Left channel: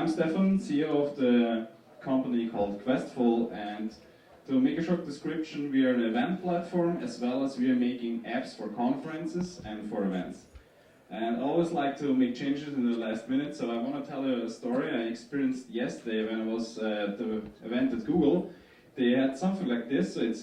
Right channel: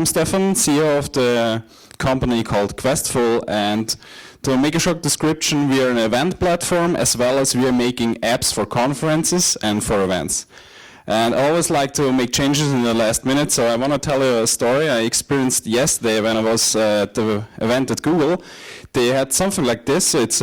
I'm Stefan, CEO of the company called Questful, and to make a short description, we are an event platform as well as we are making apps for conferences and for events. And I always like to make changes in the last minute, so I want to tell you a story I experienced yesterday when I was at the event at Google. They had something like this. It's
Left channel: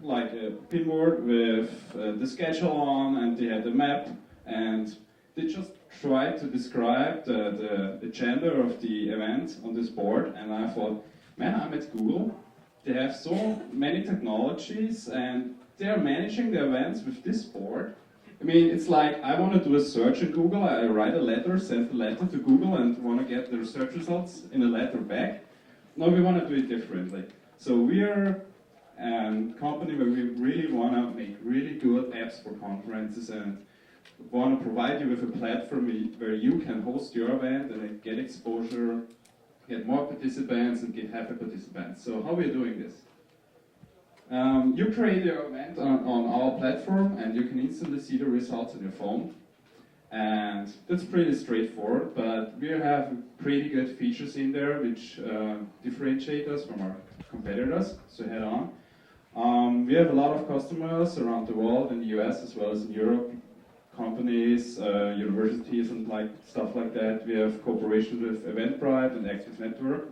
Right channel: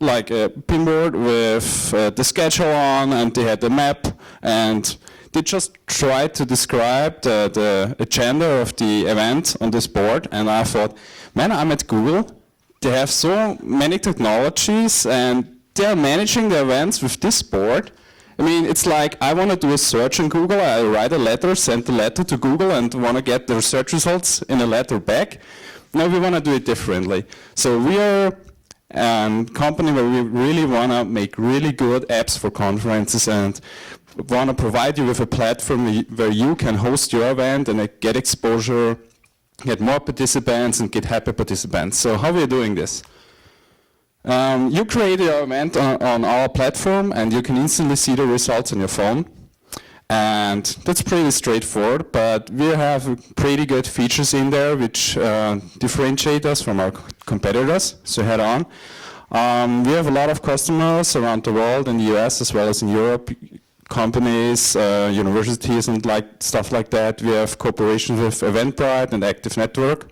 like a pinboard with the schedule on, and they had the map, and they just tried to describe the agenda of the event on this board, and I thought, man, I'm at Google. They have so many technologies, and they're managing the events with this board. I mean, it's like I want to do a search on Google. I write a letter, send the letter to Google, and want to get the search results in a letter back. Now we want to do it differently. So we are a company where we really want to make really good apps for conferences and want to provide you with a platform where you can host your event and get exposure, get more participants, and get happy participants. So how are we doing this? You create your event on our platform, and you can instantly see the results on your phone. And that's pretty straightforward, but we have pretty good features in there which differentiate us from our competitors, so head on. We have a lot of customers around the world, in the US as well as in Europe, companies, universities, and stuff like that. We have cooperations with Eventbrite and Active Network.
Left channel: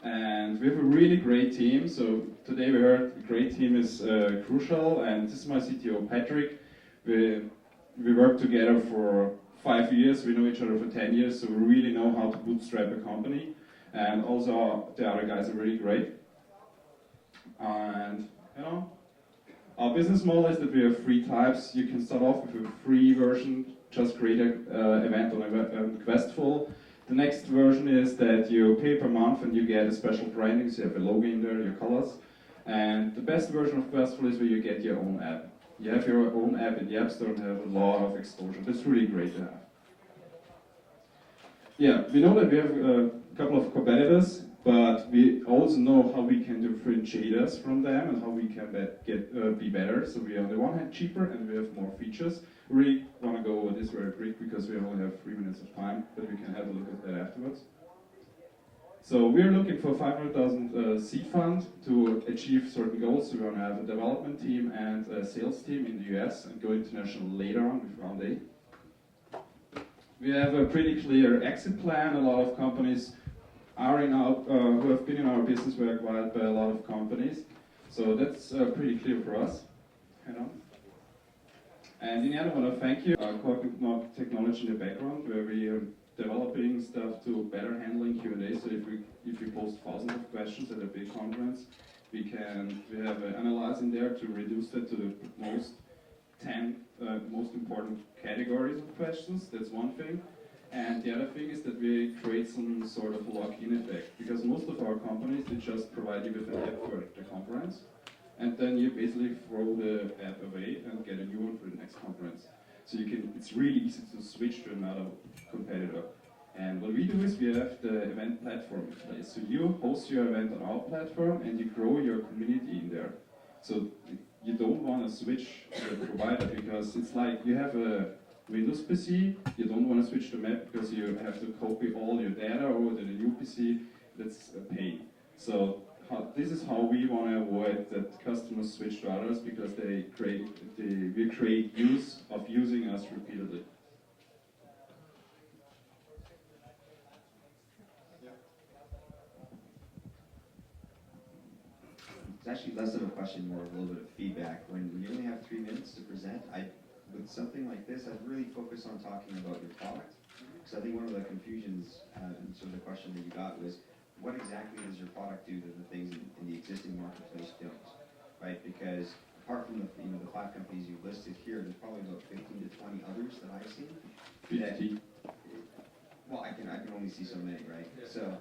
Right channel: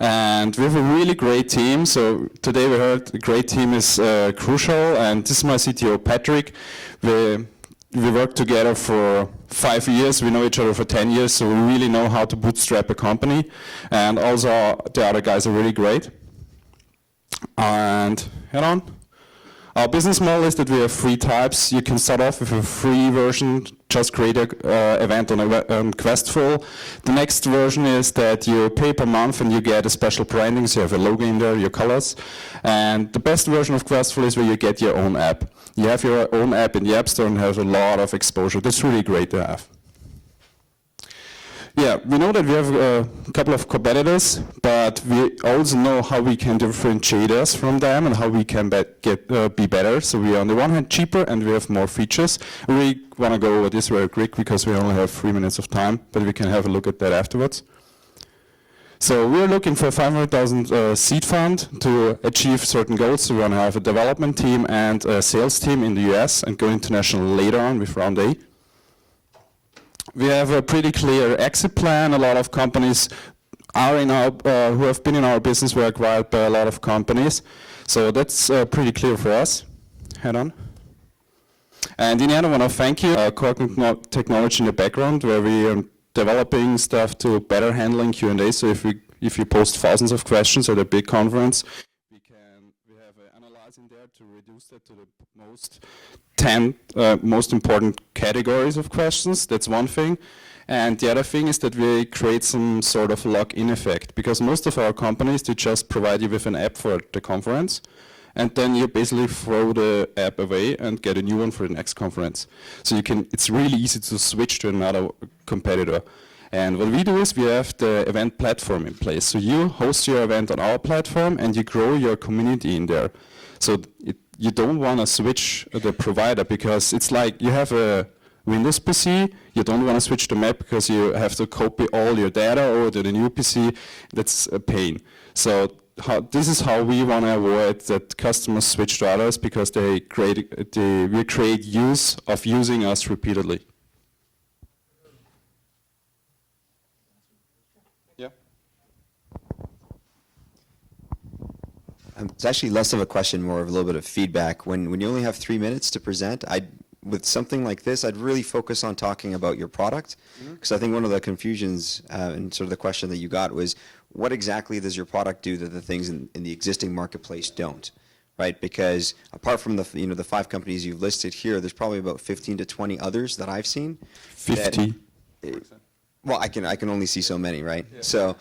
And we have a really great team. So today we heard a great team is crucial, and this is my CTO, Patrick. We worked together for 5 years. We know each other for 10 years, so we really know how to bootstrap a company. And also the other guys are really great. And head on. Our business model is that we have 3 types. You can start off with a free version, just create an event on Questful. The next version is that you pay per month and you get a special branding, so you have a logo in there, your colors. And the best version of Questful is where you get your own app. You have your own app in the App Store and has a lot of exposure. That's really great to have. Yeah, we know that we have a couple of competitors, but we also know how we can differentiate us from them and how we can be better. So we are on the one hand cheaper and we have more features. We want to go over this very quick because we only have 3 minutes of time, but we can have a look at that afterwards. So we're looking for a 500,000 seed fund to achieve certain goals. So we want to have a development team and a sales team in the US and go international later on with round A. We have a pretty clear exit plan. A lot of companies are who have been in our business were acquired by a lot of companies. So that's pretty clear for us. Head on. And in the end, I want to thank you. Core technology in the background, where we are developing stuff to better handling Q&A. So if you post thousands of questions at a big conference, we have an analyzer in there to reduce that to the most 10 most important categories of questions. That's one thing. And the other thing is that we create some sort of lock-in effect, because most of our companies, they just provide you with an app for the conference, and then you basically throw the app away and get a new one for the next conference. So it's really easy to switch to another competitor. And what we do is we have the event platform in place. So you host your event on our platform and you grow your community in there. So you don't want to switch the provider, because it's like you have a Windows PC, you don't want to switch the map because you have to copy all your data over to the new PC. That's a pain. So this is how we want to avoid that customers switch to others, because we create use of using us repeatedly. Yeah. It's actually less of a question, more of a little bit of feedback. When you only have 3 minutes to present, with something like this, I'd really focus on talking about your product, because I think one of the confusions and sort of the question that you got was, what exactly does your product do that the things in the existing marketplace don't, right? Because apart from the 5 companies you've listed here, there's probably about 15 to 20 others that I've seen. 50. Well, I can only see so many, right? Yeah. So,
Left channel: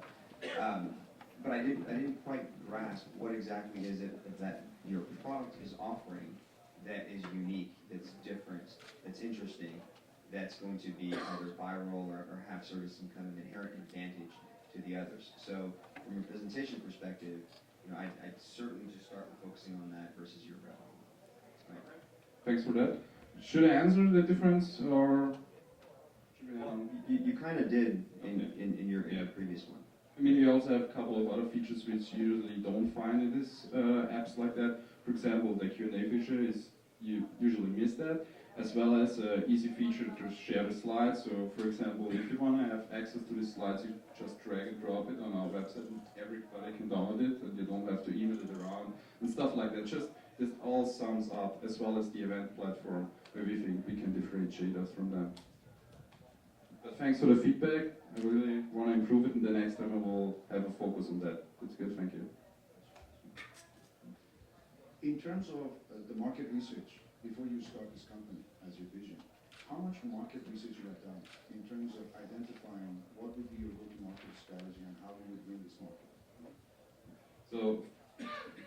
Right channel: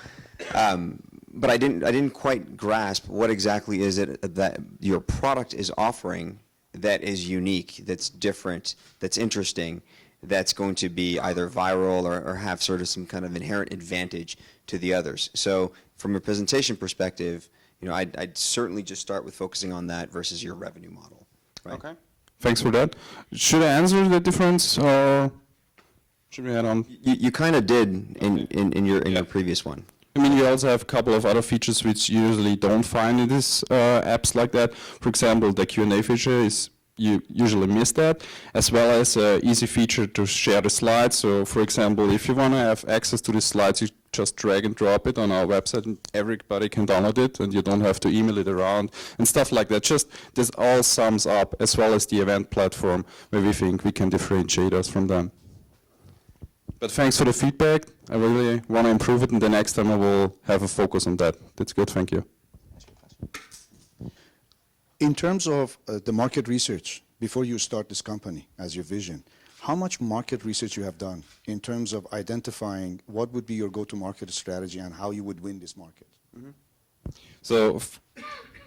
but I didn't quite grasp what exactly is it that your product is offering that is unique, that's different, that's interesting, that's going to be either viral or have sort of some kind of inherent advantage to the others. So from a presentation perspective, I'd certainly just start with focusing on that versus your revenue model. Right? Okay. Thanks for that. Should I answer the difference, or Should we add on? You kind of did in your previous one. I mean, we also have a couple of other features which you usually don't find in these apps like that. For example, the Q&A feature is, you usually miss that, as well as an easy feature to share the slides. So, for example, if you want to have access to the slides, you just drag and drop it on our website and everybody can download it and you don't have to email it around and stuff like that. Just this all sums up, as well as the event platform where we think we can differentiate us from them. But thanks for the feedback. I really want to improve it, and the next time I will have a focus on that. That's good, thank you. In terms of the market research, before you start this company as your vision, how much market research you have done in terms of identifying what would be your go-to-market strategy and how you would win this market? So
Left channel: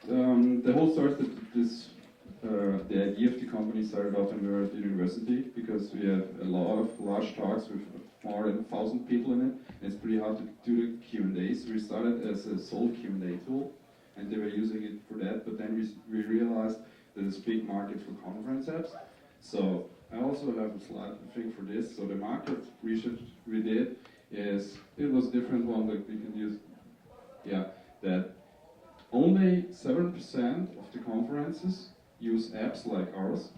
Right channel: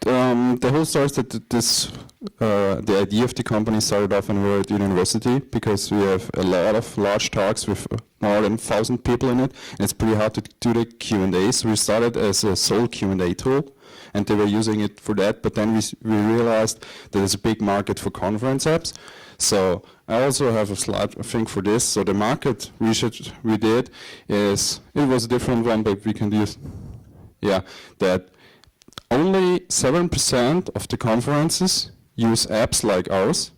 the whole story started the idea of the company started off when we were at university, because we have a lot of large talks with more than 1,000 people in it, and it's pretty hard to do the Q&A. So we started as a sole Q&A tool, and they were using it for that, but then we realized that there's a big market for conference apps. So I also have a slide, I think, for this. So the market research we did is, it was a different one, but we can use, that only 7% of the conferences use apps like ours,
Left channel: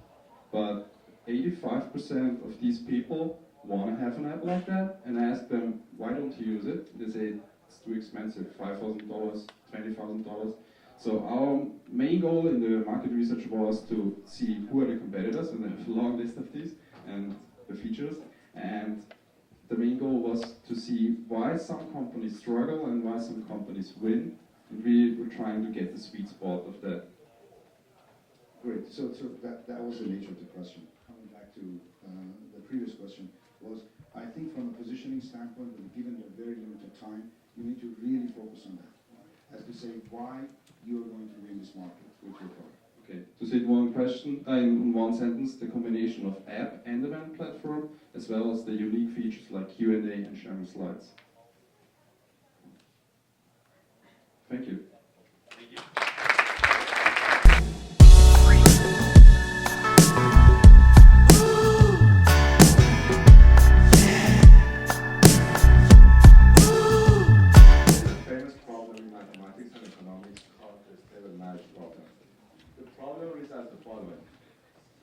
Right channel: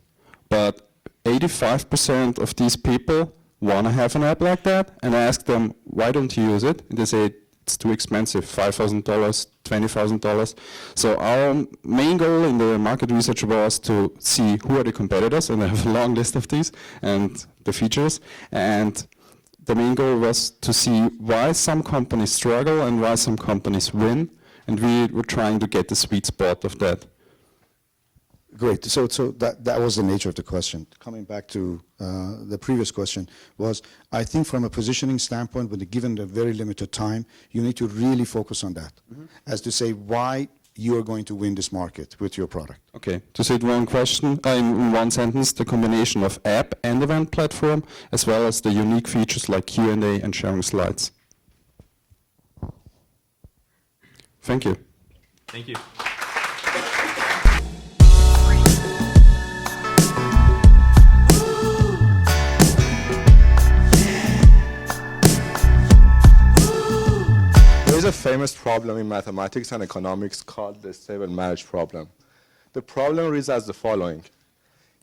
but 85% of these people want to have an app like that, and I ask them, why don't you use it? And they say, it's too expensive, $5,000, $20,000. So our main goal in the market research was to see who are the competitors, and I have a long list of these, and the features. And the main goal was to see why some companies struggle and why some companies win, and we were trying to get the sweet spot of that. Great. So that was the nature of the question. Coming back to the previous question was, I think from a positioning standpoint, when given the very limited time, you need to really focus on that, as to say why you are going to win this market with your product. Okay, to say it in one sentence, the combination of app and event platform, as well as the unique features like Q&A and sharing slides. Thank you. Thank you. There's a famous problem in mathematics and economics called the stable marriage problem. The problem reads as the following.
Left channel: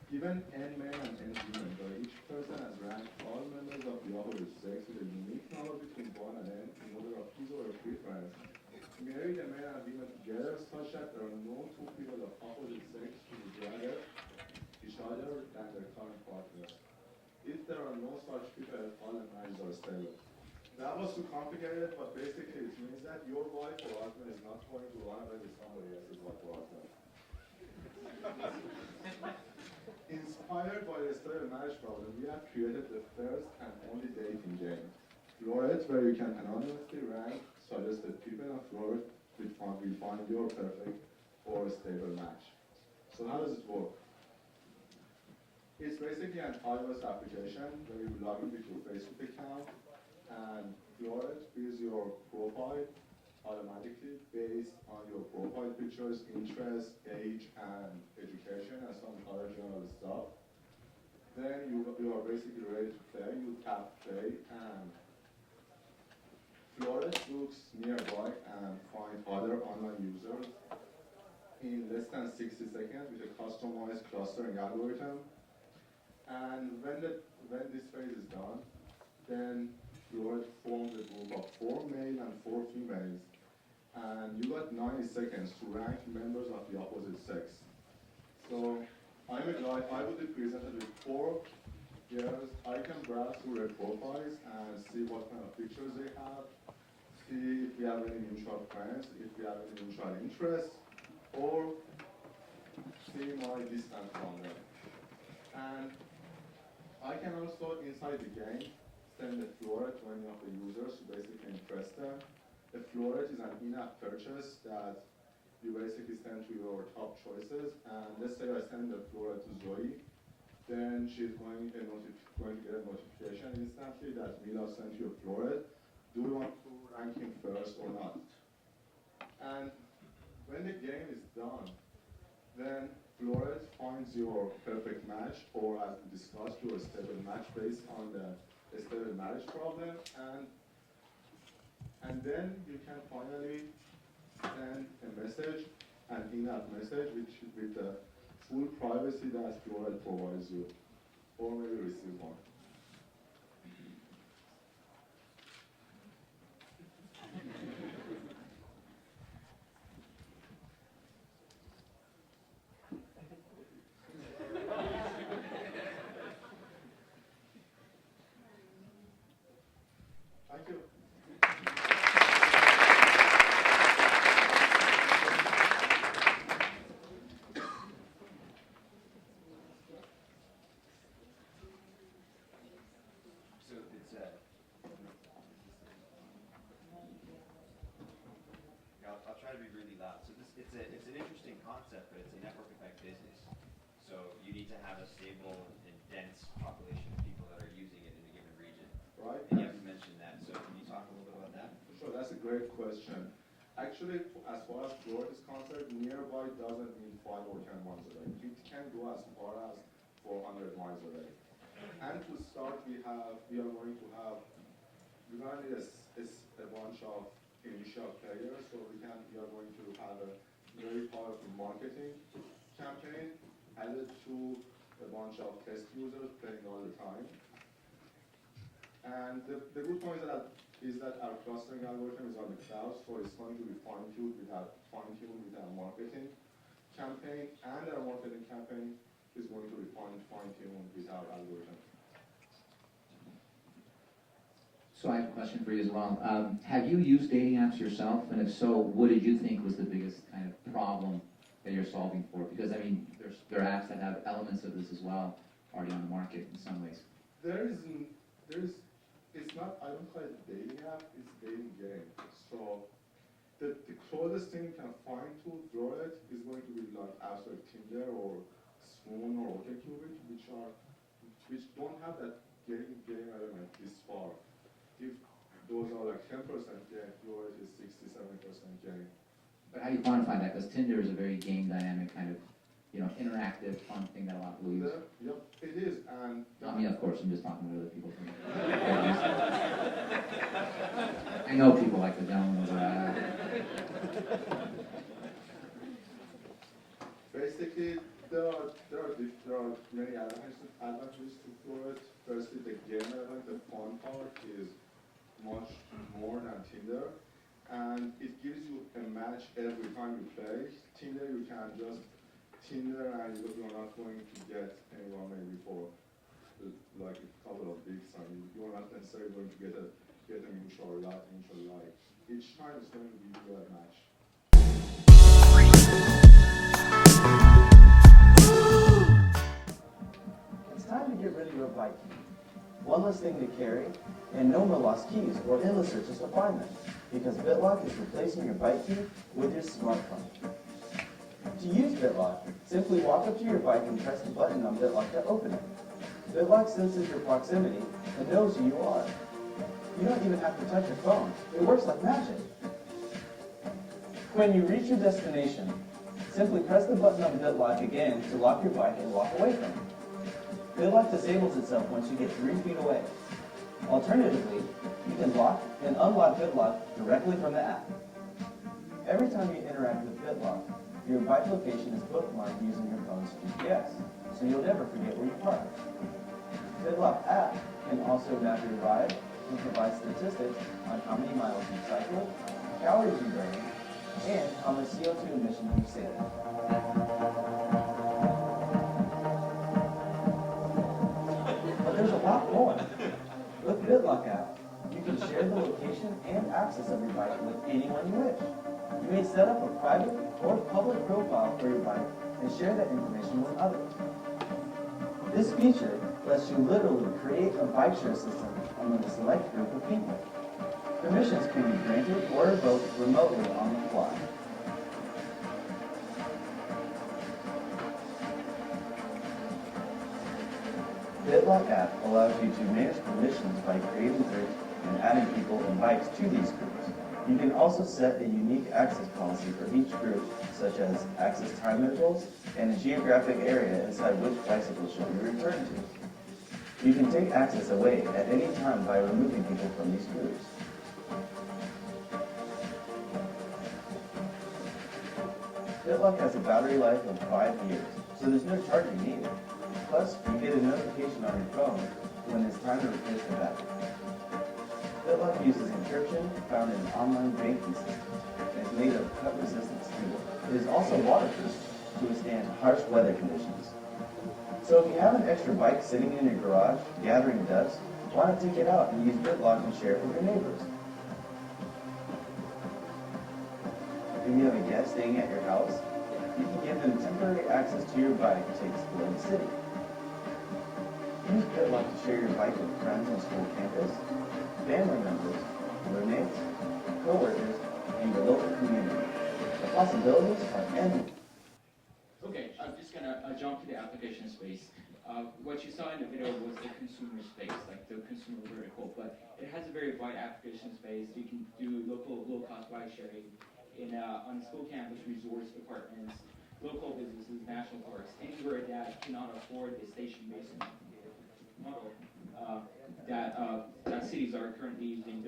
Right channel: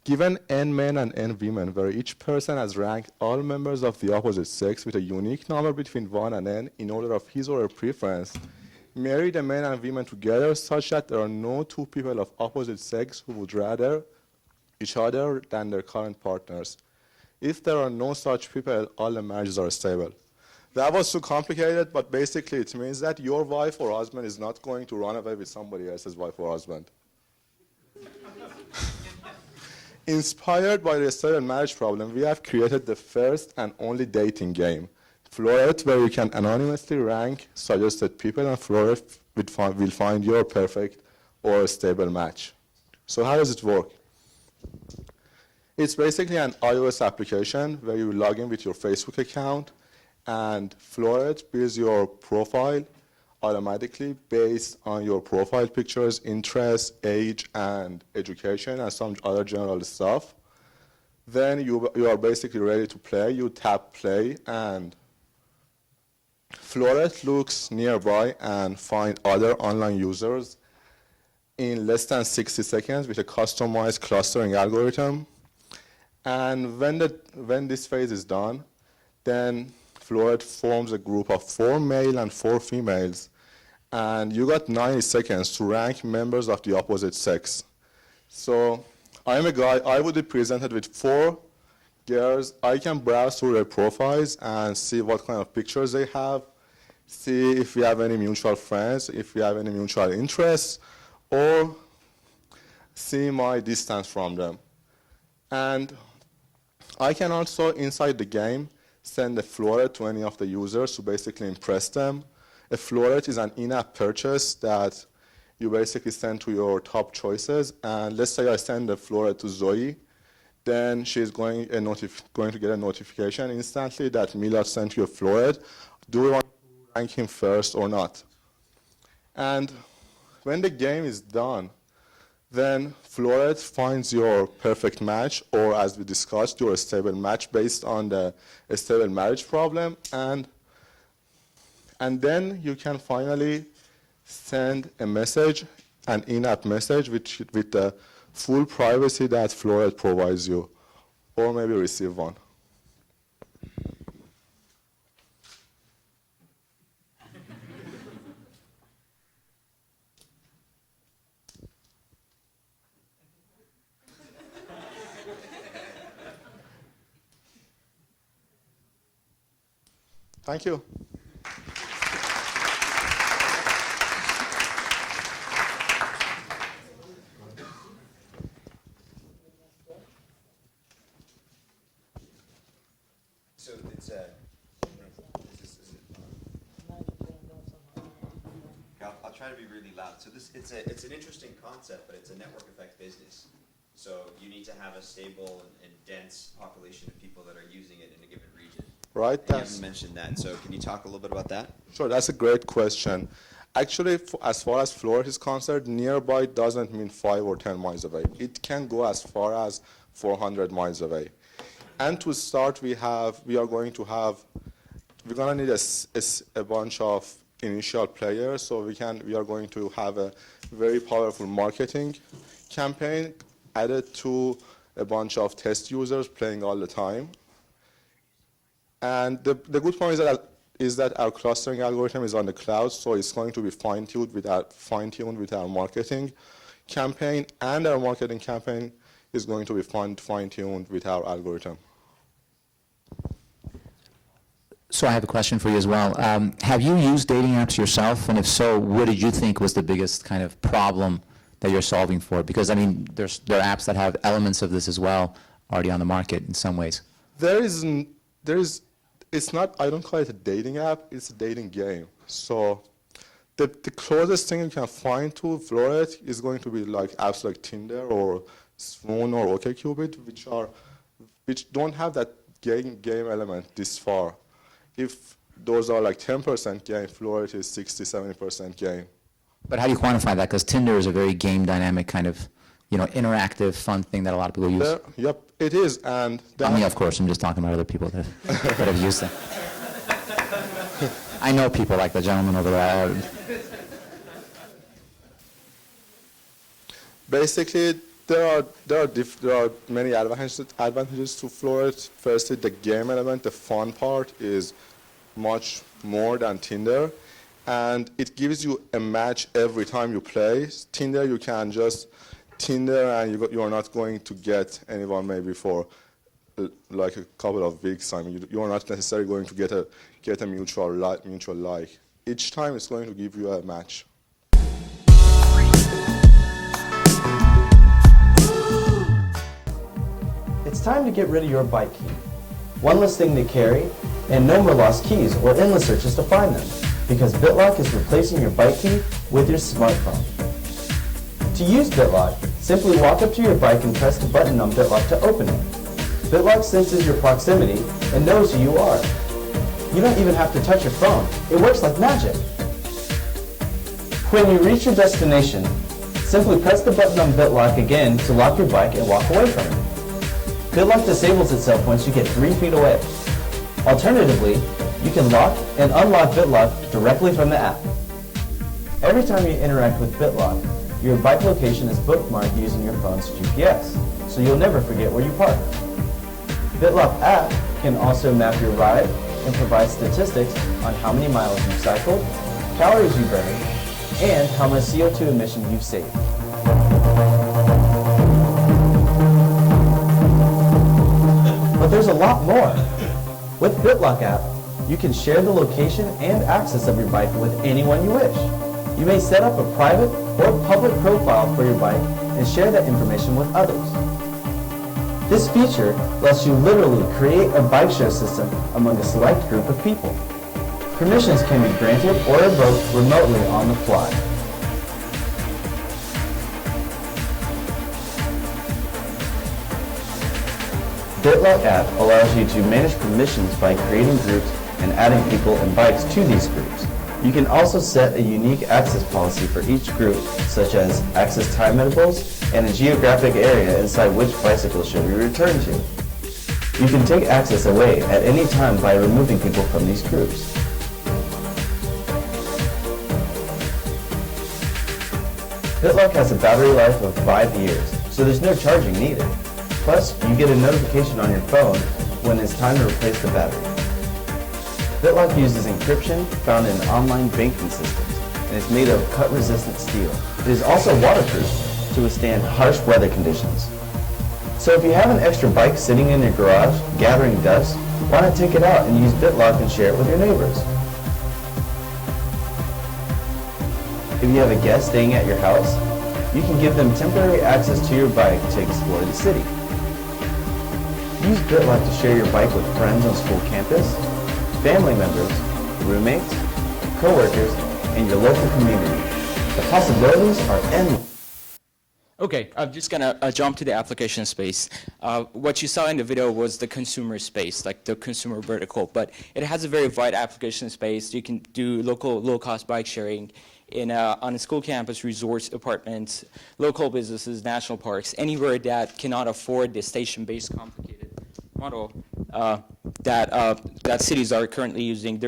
Given n men and n women, where each person has ranked all members of the opposite sex with a unique number between 1 and n in order of his or her preference, marry the men and women together such that there are no two people of opposite sex who would rather each other than their current partners. If there are no such people, all the marriages are stable. That was too complicated, but basically it means that your wife or husband is not going to run away with somebody else's wife or husband. Inspired by the stable marriage problem, we have created the first and only dating game, Floret, where you can anonymously rank suggested people, and Floret will find your perfect or stable match. So how does it work? It's basically an iOS application where you log in with your Facebook account, and Floret builds your profile automatically based on your profile pictures, interests, age, and education, and some other general stuff. Then you are basically ready to play. You tap play, and Floret looks nearby and find other online users in less than 60 seconds with a customized clustering algorithm. And when this phase is done, then Floret forms a group of 4 male and 4 females, and you got 90 seconds to rank members of the opposite sex. So I'm a guy, I would be presented with 4 girls. I can browse through their profiles and see what kind of pictures they have, see if we have any mutual friends, if we have any mutual interests, or see my distance from them. And I can also, inside the game, send a Floret to any of the users to basically impress them. A Floret is an in-app purchase that you basically send to your top choices. And let's say I send a Floret to Zoe, then she's going to get a notification instantly that Milad sent you a Floret. Do we want to rank him first or not? And when the game is done, Then Floret finds your perfect match, or as we discussed, your stable match based on the stable marriage problem, and then you can finally send a message, an in-app message with the full privacy that Floret provides you, or maybe receive one. Thank you. So it's I'll try to be really loud. So it's an interesting concept, but it's a network effect business. So you need to have a stable and dense population of people that are using it in a given region. Right. You haven't mentioned that. So can you talk a little bit about that? Sure, that's a great question. Actually, as far as Floret is concerned, nearby doesn't mean 5 or 10 miles away. It can go as far as 400 miles away. And to start, we're going to need a bunch of initial players. So we are going to have a very powerful marketing campaign added to a bunch of test users playing all the time. And the good point is that our clustering algorithm is on the cloud, so it's going to be fine-tuned with our marketing campaign, and our marketing campaign is going to be fine-tuned with our algorithm. So I have a question for you as well. Have you used dating apps yourself? And if so, what did you think was the biggest kind of problem that you're solving for? Because, I mean, there are apps that have elements of this as well already on the market in some ways. It's not, I don't call it a dating app, it's a dating game. So the closest thing you can find to Floret is going to be like apps like Tinder or Swoon or OkCupid, which don't have that game element this far. If those are like 10% game, Floret is 60-70% game. But how do you quantify that? Because Tinder is a very game dynamic kind of, interactive, fun thing that a lot of people use. Yep, it is. And Not me, of course. I'm just talking about other people that have used it. I know people like the gentleman over there. Basically, there are many advantages to Floret. Firstly, the game element, the fun part, is much more than Tinder, and it gives you a match every time you play. Tinder, you can just Tinder, and you are not going to get anyone maybe for like a couple of weeks. I mean, you are not necessarily going to get a mutual like. Each time, it's going to give you a match. It's time to get rid of your bike key. One less thing to carry, and no more lost keys or endless searches to find them, because BitLock is replacing your bike key with your smartphone. To use BitLock, simply walk up to your bike and press the button on BitLock to open it. BitLock senses your proximity and knows who you are. You don't even have to touch your phone. It works like magic. When you reach your destination, simply press the button on BitLock again to lock your bike and walk away from it. BitLock disables itself once you get 3 feet away. Alternatively, you can lock and unlock BitLock directly from the app. Every time you interact with BitLock, your bike location is bookmarked using your phone's GPS, so you'll never forget where you parked. BitLock app can also map your ride and provide statistics on how many miles you cycled, calories you burned, and how much CO2 emission you've saved. But there's a lot more. With BitLock app, you can share the location and access of your bike with anyone you wish. You may set up a private or public profile for your bike and share that information with others. This feature lets you literally create a bike share system among a select group of people. Permissions can be granted or revoked remotely on the fly. BitLock app allows you to manage permissions by creating groups and adding people and bikes to these groups. You can also set a unique access policy for each group, such as access time intervals, and a geographic area inside which bicycle should be returned to. You can take access away at any time by removing people from these groups. PitLock has a battery life of 5 years, so there's no charging needed. Plus, you get a notification on your phone when it's time to replace the battery. PitLock uses encryption found in online banking systems, and it's made of cut-resistant steel. It is also waterproof to withstand harsh weather conditions. So if you have an extra bike sitting in your garage gathering dust, why not take it out and use PitLock and share it with your neighbors? If you have a guest staying at your house, you can give them temporary access to your bike to explore the city. Use PitLock to share your bike with friends on school campus, family members, roommates, coworkers, and your local community. The possibilities are endless. Okay, I'm just gonna jump to the application space. What you saw in the video was the consumer space, like the consumer vertical, but it has a very wide application space. You can do local low-cost bike sharing on a school campus, resorts, apartments, local businesses, national parks, anywhere that cannot afford the station-based complicated model that cities are currently using.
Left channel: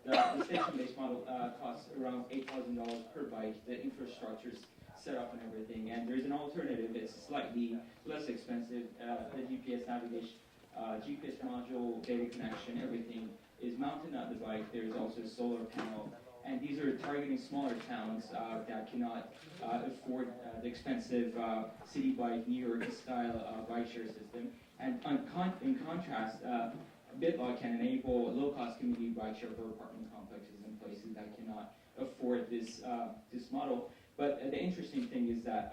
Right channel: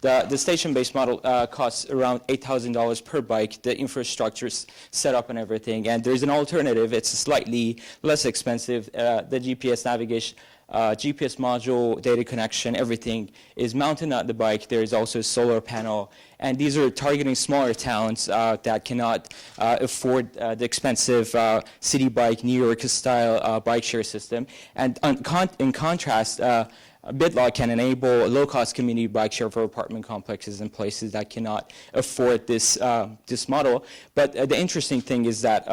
The station-based model costs around $8,000 per bike. The infrastructure is set up and everything, and there's an alternative. It's slightly less expensive. The GPS navigation, GPS module, data connection, everything is mounted on the bike. There is also a solar panel, and these are targeting smaller towns that cannot afford the expensive city bike, New York-style bike share system. And in contrast, PitLock can enable low-cost community bike share for apartment complexes in places that cannot afford this model. But the interesting thing is that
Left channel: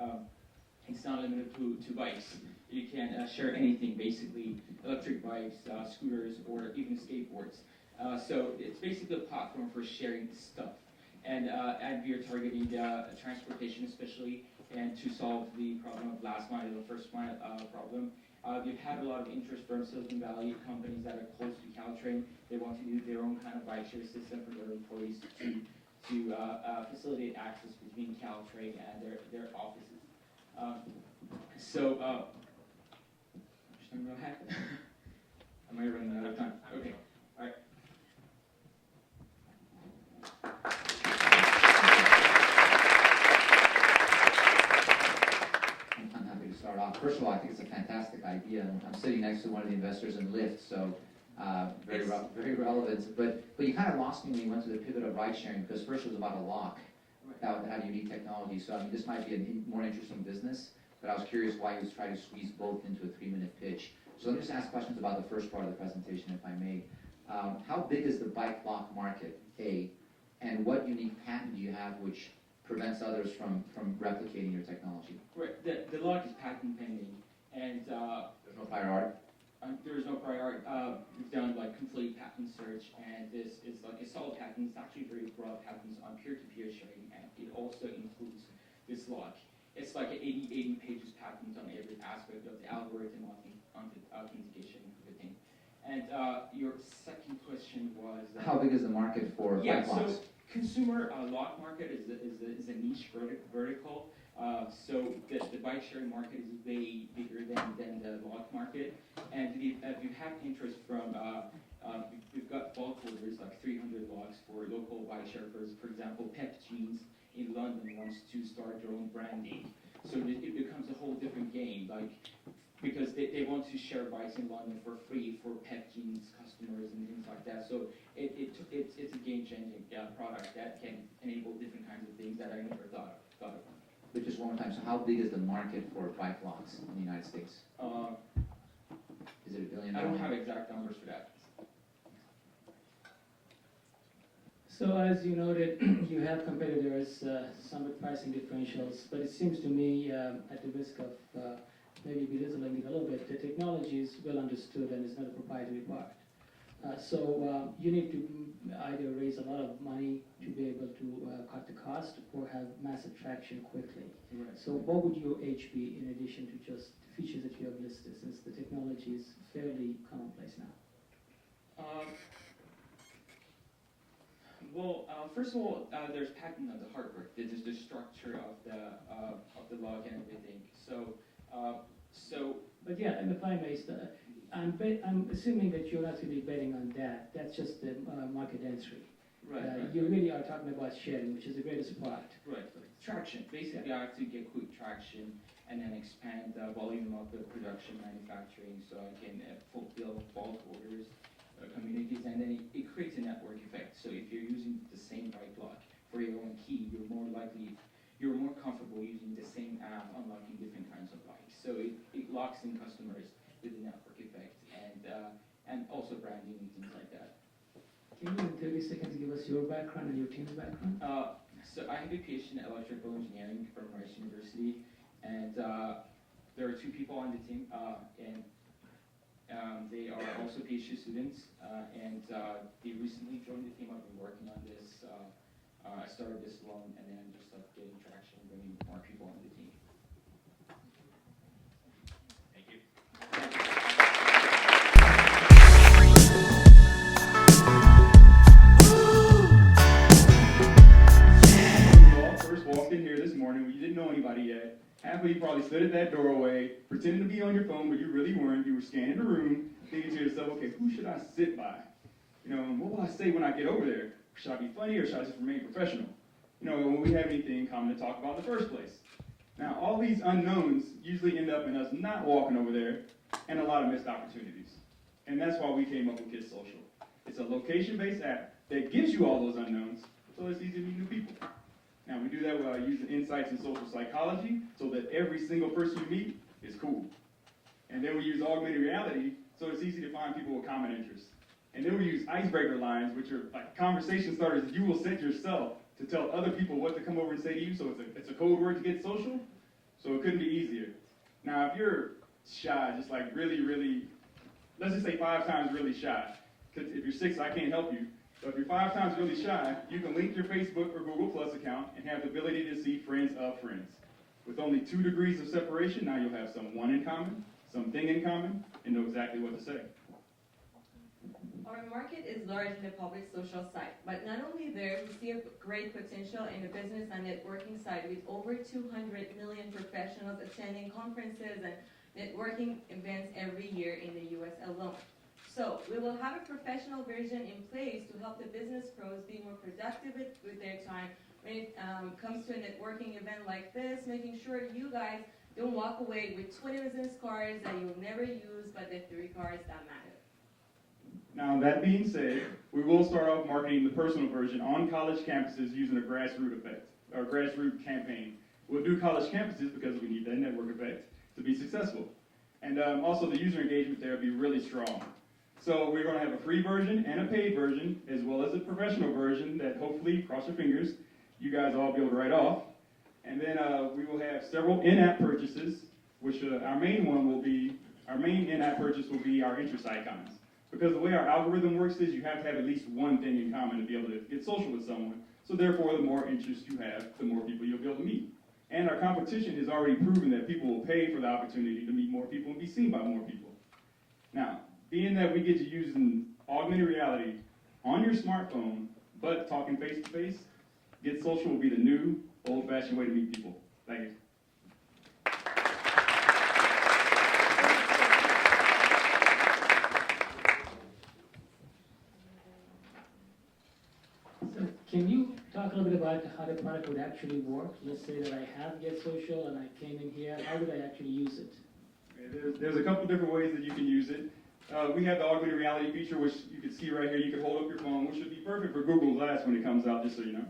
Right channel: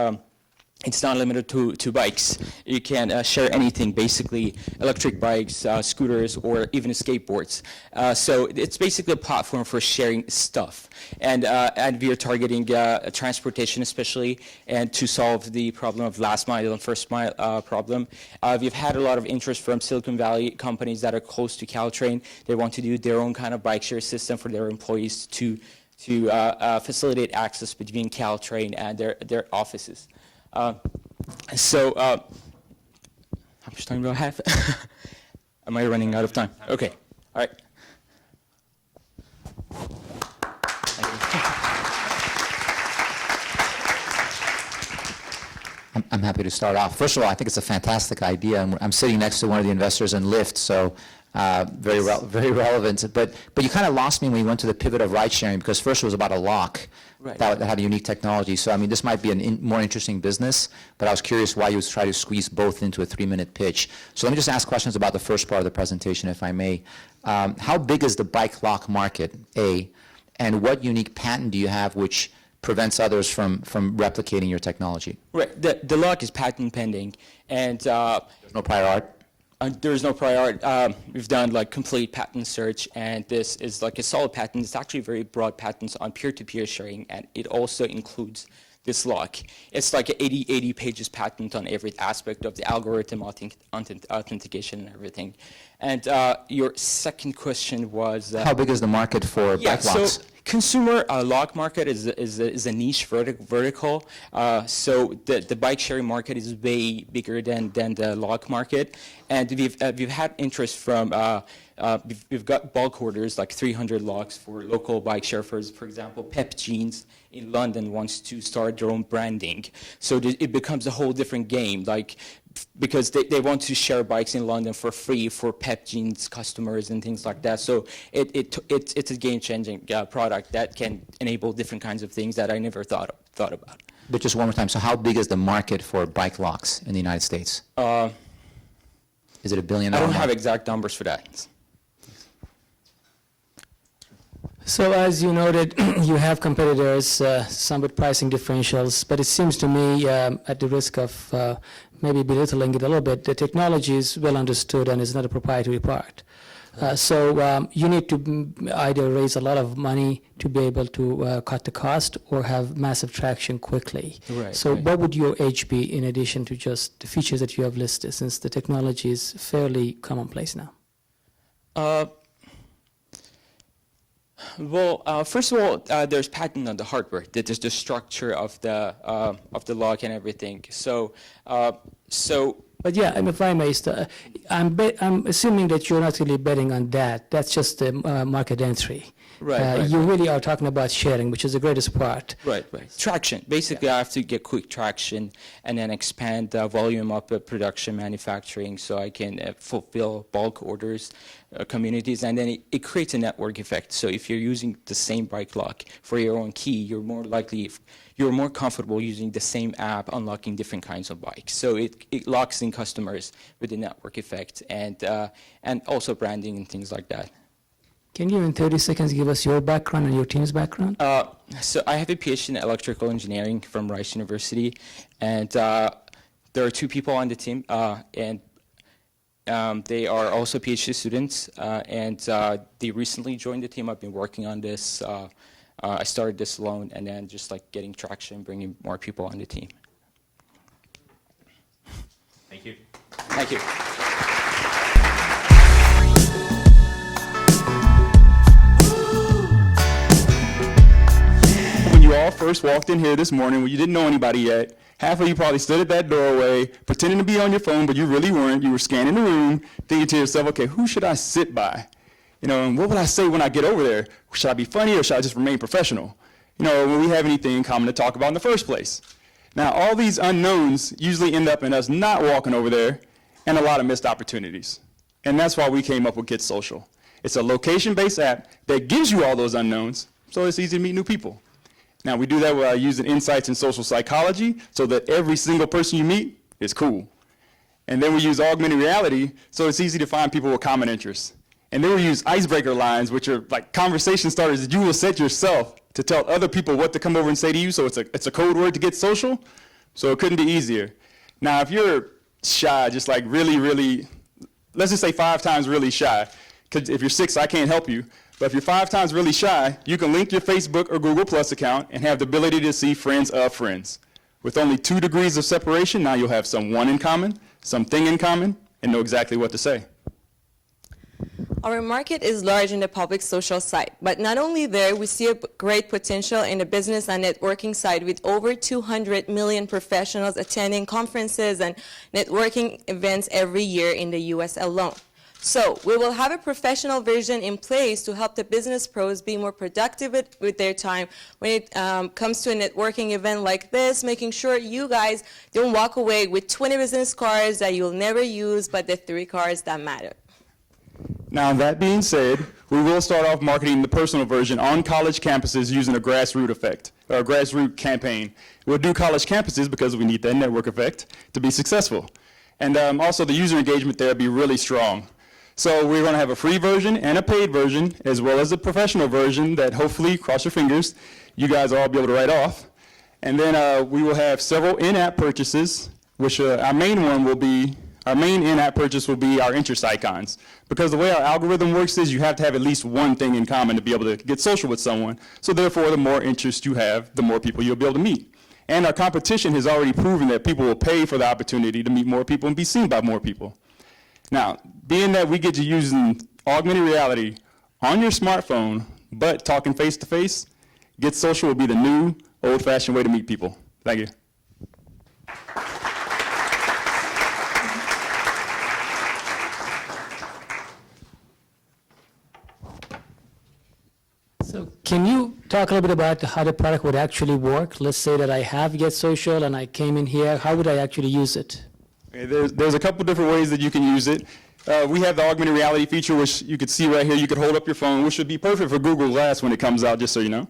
it's not limited to bikes. You can share anything, basically electric bikes, scooters, or even skateboards. So it's basically a platform for sharing stuff. And we are targeting transportation especially, and to solve the problem of last mile and first mile problem. We've had a lot of interest from Silicon Valley companies that are close to Caltrain. They want to do their own kind of bike share system for their employees to facilitate access between Caltrain and their offices. How much time do I have? Am I running out of time? Okay. All right. I'm happy to start off. First of all, I think it's a fantastic idea. I'm sitting next to one of the investors in Lyft, so very relevant. But you kind of lost me when you went to the pivot of ride sharing, because first it was about a lock. Right. That had a unique technology. So, I mean, this might be a more interesting business, but I was curious why you would try to squeeze both into a 3-minute pitch. So let me just ask questions about the first part of the presentation, if I may. How big is the bike lock market, A, and what unique patent do you have which prevents others from replicating your technology? Right. The lock is patent pending, and There's no prior art? There's no prior art. We've done like complete patent search, and this is like a solid patent. It's actually very broad patents on peer-to-peer sharing, and it also includes this lock. It's like 80 pages patent on every aspect of the algorithm, authentication, and everything. And your second question was... How big is the market for bike locks? So consumer lock market is a niche vertical. So the bike sharing market is way bigger than the lock market. And we've had interest from, we've got bulk orders, like 300 locks for local bike sharers. For example, Pep Jeans in London wants to start their own branding. So it becomes a whole different game, like, because they want to share bikes in London for free for Pep Jeans customers and things like that. So it's a game-changing product that can enable different kinds of things that I never thought about. But just one more time, so how big is the market for bike locks in the United States? Is it $1 billion? I don't have exact numbers for that. So as you noted, you have competitors, some with pricing differentials, but it seems to me, at the risk of maybe belittling it a little bit, the technology is well understood and is not a proprietary part. So you need to either raise a lot of money to be able to cut the cost or have massive traction quickly. Right, So right. what would your edge be in addition to just the features that you have listed, since the technology is fairly commonplace now? Well, first of all, there's patent on the hardware. That is the structure of the lock and everything. So, But yeah, and if I may, I'm assuming that you're not really betting on that. That's just the market entry. Right. You really are talking about sharing, which is the greatest part. Right. Traction. Basically, I have to get quick traction and then expand the volume of the production manufacturing so I can fulfill bulk orders, communities, and then it creates a network effect. So if you're using the same bike lock for your own key, you're more comfortable using the same app, unlocking different kinds of bikes. So it locks in customers with the network effect and also branding and things like that. Can you, in 30 seconds, give us your background and your team's background? So I have a PhD in electrical engineering from Rice University, and there are 2 people on the team, and they are also PhD students, and they recently joined the team. I've been working on this. I started this alone, and then just like getting traction, bringing more people on the team. Thank you. Thank you. When you all first walked in here this morning, when you didn't know anybody yet, half of you probably stood at that doorway, pretending to be on your phone, but you really weren't. You were scanning the room, thinking to yourself, okay, who should I sit by? And what would I say when I get over there? Should I be funny or should I just remain professional? When we have anything in common to talk about in the first place. Now, all these unknowns usually end up in us not walking over there and a lot of missed opportunities. And that's why we came up with Get Social. It's a location-based app that gives you all those unknowns, so it's easy to meet new people. Now, we do that by using insights in social psychology so that every single person you meet is cool. And then we use augmented reality so it's easy to find people with common interests. And then we use icebreaker lines, which are like conversation starters that you will set yourself to tell other people what to come over and say to you, so it's a code word to get social, so it couldn't be easier. Now, if you're shy, just like really, let's just say 5 times really shy, because if you're 6, I can't help you, but if you're 5 times really shy, you can link your Facebook or Google Plus account and have the ability to see friends of friends. With only 2 degrees of separation, now you'll have someone in common, something in common, and know exactly what to say. Our market is large in the public social side, but not only there, we see a great potential in the business and networking side with over 200 million professionals attending conferences and networking events every year in the US alone. So we will have a professional version in place to help the business pros be more productive with their time when it comes to a networking event like this, making sure you guys don't walk away with 20 business cards that you'll never use, but the 3 cards that matter. Now, that being said, we will start off marketing the personal version on college campuses using a grassroots effect, or a grassroots campaign. We'll do college campuses because we need that network effect to be successful. And also the user engagement there will be really strong. So we're going to have a free version and a paid version, as well as a professional version that hopefully, cross your fingers, you guys will all be able to write off. And then we will have several in-app purchases, which our main in-app purchase will be our interest icons. Because the way our algorithm works is you have to have at least one thing in common to be able to get social with someone. So therefore, the more interest you have, the more people you'll be able to meet. And our competition has already proven that people will pay for the opportunity to meet more people and be seen by more people. Now, being that we get to using augmented reality on your smartphone, but talking face-to-face, Get Social will be the new, old-fashioned way to meet people. Thank you. So can you talk a little bit about how the product would actually work? Let's say that I have Get Social and I came in here. How would I actually use it? Okay, there's a couple different ways that you can use it. We have the augmented reality feature, which you could see right here. You could hold up your phone, which would be perfect for Google Glass when it comes out, just so you know.